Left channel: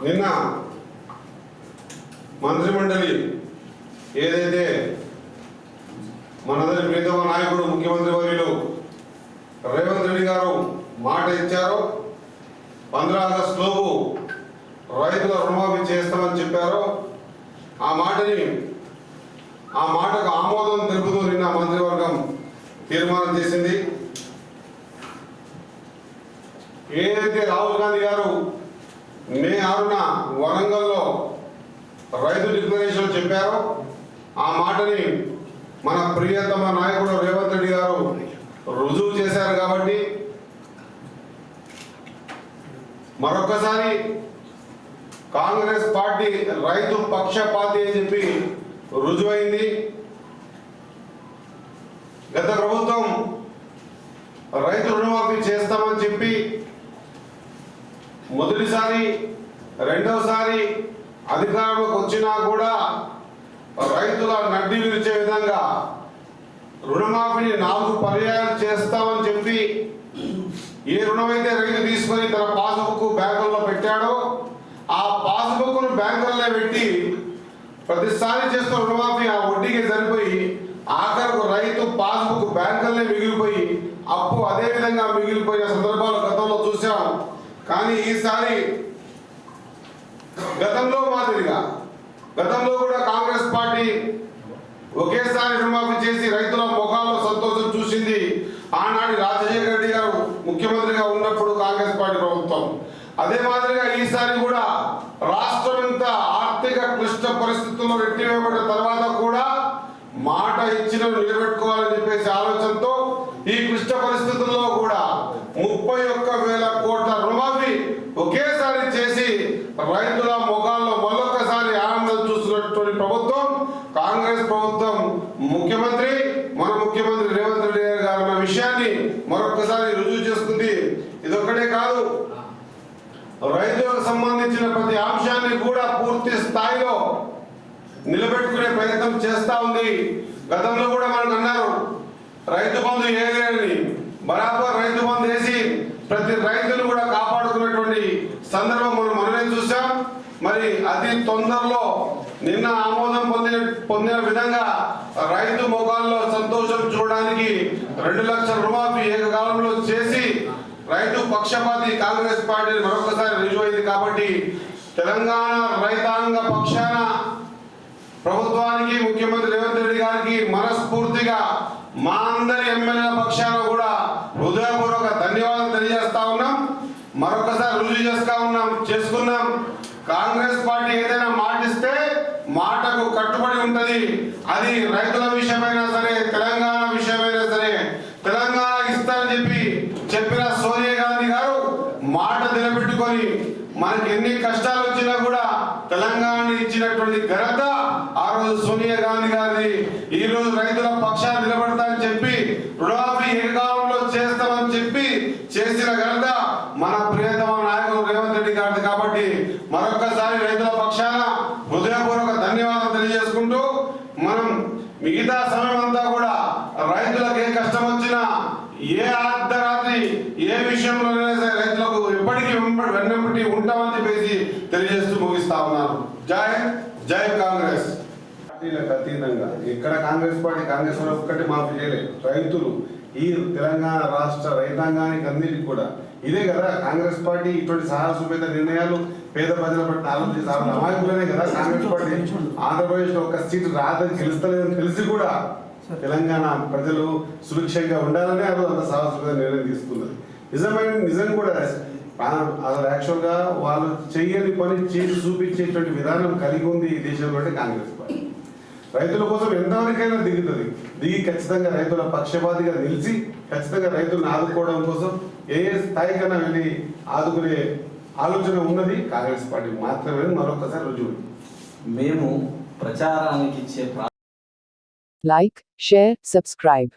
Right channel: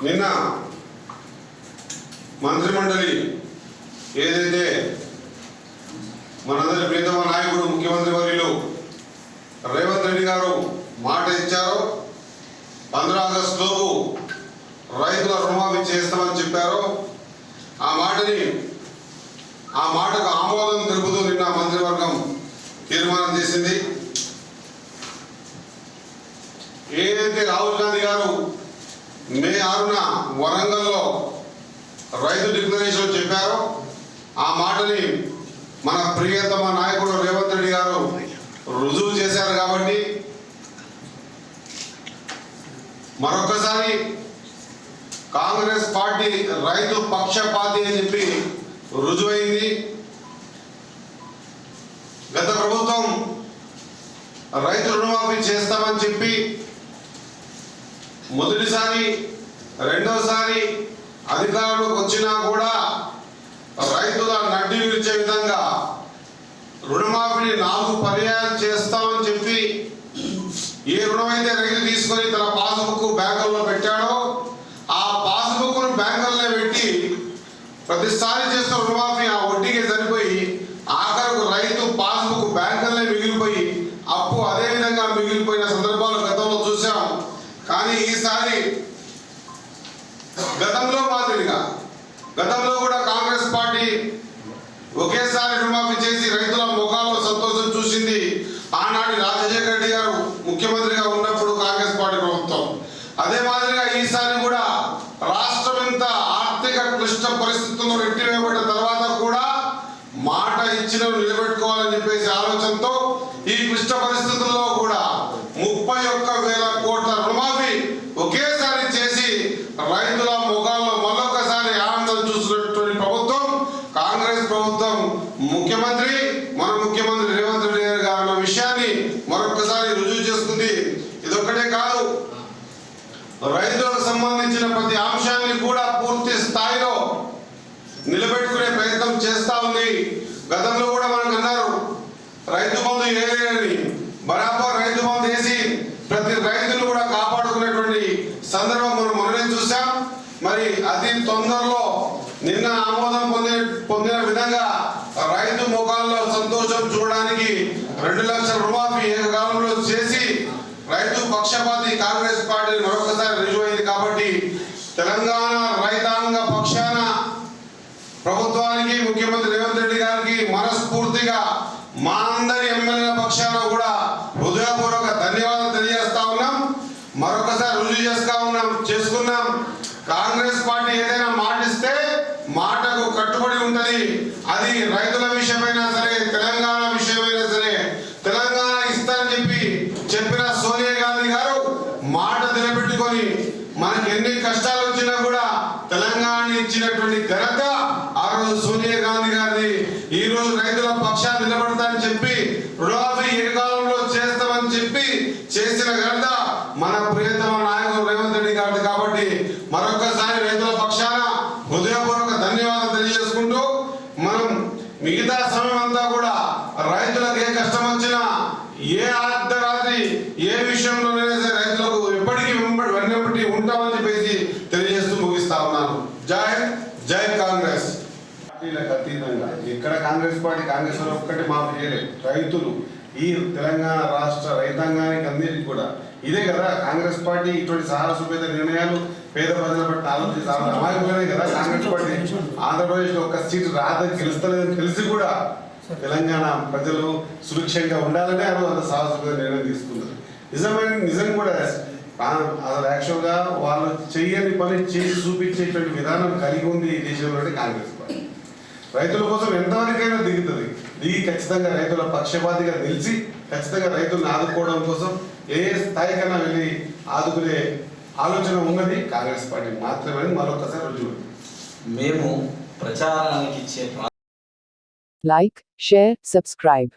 నిన్న మంత్రిమండలి ఏదైతే మనందరి ప్రీతమ నాయకుడు ముఖ్యమంత్రి వర్యులు రేవంత్ రెడ్డి గారు మాట ఇచ్చారో పంద్రా ఆగస్టులోపు రైతుల రుణమాఫీ చేస్తామని చెప్పారో ఆ మాటని ఆ మాటకు ఆమోదం తెలుపుతూ నిన్న మంత్రివర్గం తీర్మానం చేసింది. ఏదైతే రాహుల్ గాంధీ గారు మే ఆరున వరంగల్లో రైతు డిక్లరేషన్ చెప్పారు. ఆ మాటని మన ప్రియతమ నాయకుడు రేవంత్ రెడ్డి గారు రుజువు చేశారు కాబట్టి మరొకసారి కాంగ్రెస్ పార్టీ రైతు పక్షపాతి అని చెప్పి రుజువైంది. గత ప్రభుత్వం రైతు రుణమాఫీ చేస్తామని చెప్పి మొదటిసారి రెండోసారి అధికారంలోకి వచ్చినా కూడా రైతుల నడ్డి విరిచే విధంగా రుణమాఫీని నాలుగు పర్యాయాలు చేస్తామని చెప్పి ఏ రుణమైతే రైతు తీసుకొని తన పాస్బుక్ బ్యాంకుల్లో పెట్టాడో ఆ పాస్బుక్ బ్యాంకుల్లో బ్యాంకులనే పెట్టి ప్రతిసారి చేస్తున్న రుణమాఫీ ఆ వడ్డీకి సరిపోయి ఆఖరకు రైతు పాస్బుక్ బ్యాంకులనే మిగిలిపోయి అప్పు అదే విధంగా మిగిలిపోయిన సందర్భాలు గతంలో చూసాం. కానీ ఈసారి గతంలో మాదిరిగా గతంలో కూడా కాంగ్రెస్ పార్టీ ఒకేసారి రుణమాఫీ చేసి రైతుల ముఖాల్లో సంతోషం చూసింది. ఆనాడు రాజశేఖర రెడ్డి గారు ముఖ్యమంత్రిగా ఉన్నప్పుడు కాంగ్రెస్ పార్టీ ప్రభుత్వం. అదే మాదిరిగా ఈసారి కూడా రాష్ట్రం ఎంత ఆర్థిక క్లిష్ట పరిస్థితుల్లో రెట్టివేయబడిన తర్వాత కూడా మాట ఇచ్చిన నిలబెట్టుకోవాలని చెప్పి ఆలోచనతో ఈ క్లిష్ట పరిస్థితుల్లో కూడా ముప్పై ఒక్క వేల కోట్ల రుణమాఫీ ఒకేసారి చేసి రైతుల ముఖాల్లో మరొకసారి ఆనందం చూసినటువంటి ప్రభుత్వం కాంగ్రెస్ ప్రభుత్వం ముఖ్యమంత్రి మన ముఖ్యమంత్రి రేవంత్ రెడ్డి గారు గారు అన్న విషయాన్ని మరొకసారి రుజువు చేసుకుంది. ఇదొక్కటే కాదు రైతులకు సంబంధించిన ప్రతి అంశాన్ని కూడా పూర్తి స్థాయిలో నిలబెట్టుకునే ప్రయత్నం చేస్తా ఉంది. గతంలో కూడా మనకు అన్నారు రైతు బంధు ఏలేని బరాబర్ రైతు బంధు వేసి ప్రతి రైతును కూడా కాపాడుకునేటువంటి సందర్భం మనం మనమే చూసాం మరి అతి తొందరలో నిన్న ఆమోదం పొందే పొందిన విధంగా కుటుంబాల్లో సంతోషం చూడడానికి రెండు లక్షల రుణమాఫీ ఏకకాలంలో చేసి రైతు పక్షపాతి కాంగ్రెస్ పార్టీ మరొకసారి రుజువైంది కాబట్టి తెలంగాణ రైతాంగ పక్షాన ప్రభుత్వానికి ముఖ్యమంత్రి రేవంత్ రెడ్డి గారికి మనస్ఫూర్తిగా మా అందరి ఎమ్మెల్యేల పక్షాన కూడా హృదయపూర్వక ధన్యవాదాలు తెలియజేస్తా ఉన్నాం మరొకసారి రుజువు చేస్తా ఉన్నాం చేసుకున్నాం కాంగ్రెస్ పార్టీ ఏదైనా మాటిస్తే మాటకు కట్టుబడి ఉంటది. అది రైతుల విషయమైనా సరే తెలంగాణ విషయమైనా సరే తెలంగాణ ఇస్తానని చెప్పి చెప్పిన సోనియా గాంధీ గారు మాట నిలబెట్టుకొని మనకి ఎన్ని కష్టాలు వచ్చినా కూడా తెలంగాణ ఇచ్చినటువంటి ఘనత ఆ రోజు సోనియా గాంధీ గారిది. ఈ రోజు రైతుల పక్షాన్ని నిలబడతానని చెప్పి రుణమాఫీ ఏకాలంలో చేస్తామని చెప్పి చేసిన ఘనత మన ప్రియతమ నాయకుడు రేవంత్ రెడ్డి గారిది కాబట్టి మరొకసారి రైతుల పక్షాన హృదయపూర్వక ధన్యవాదాలు తెలియజేసుకుంటూ మనం మిగతా సమయం అంతా కూడా రైతులకు ఏ కష్టం వచ్చినా ఏ అర్ధరాత్రి ఏ విషయంలోనైనా సరే రైతులకు ఎప్పటికీ వెంబడి వెన్నప్పటి ఉంటామని చెప్పేసి తెలియజేస్తూ ముగిస్తా ఉన్నాను. జై జై కాంగ్రెస్. పార్టీలకు అతీతంగా ఎక్కడ కాంగ్రెస్ పార్టీ కాంగ్రెస్ వాళ్ళు ఒక్కటి మాఫీ చేయలేదు. రైతులు ఈ తెలంగాణ రాష్ట్ర రైతాంగానికి అన్నిటికీ కూడా. ఇదే కదా కాంగ్రెస్ పార్టీ ఇటువంటి సాహసోపేత నిర్ణయాలు పేద ప్రజల పట్ల ఆలోచించి అమాయకులనే కదా కాంగ్రెస్ పార్టీ ఆంధ్రప్రదేశ్లో ఒక సీట్ రాదని గెలుస్తలేదని తెలిసి కూడా తెలంగాణ ప్రజలు సురక్షంగా ఉండాలనే అది అంత సాహసోపేత నిర్ణయం తీసుకున్నారు. నిజమైన నిజం కూడా అసలు యాక్చువల్గా వాళ్ళు చెయ్యని పని చేసి చూపించేటువంటి విధానం కలిగి ఉంది ఈ దేశంలోనే కాంగ్రెస్ పార్టీ. రైతుల కోసం ఎంతవరకైనా దిగుతుంది. దిగి ఖచ్చితంగా రైతుల పక్షపాతిగా నిలిచి ఖచ్చితంగా రైతులను ఆదుకోవడం కోసం ఏ స్థాయికైనా వెళ్ళి ఆదుకునే ఆలోచన ఉన్నది కాంగ్రెస్ పార్టీ మాత్రమే. మరొకసారి రుజువు మేము ప్రచారానికి ఇచ్చే like, share, subscribe.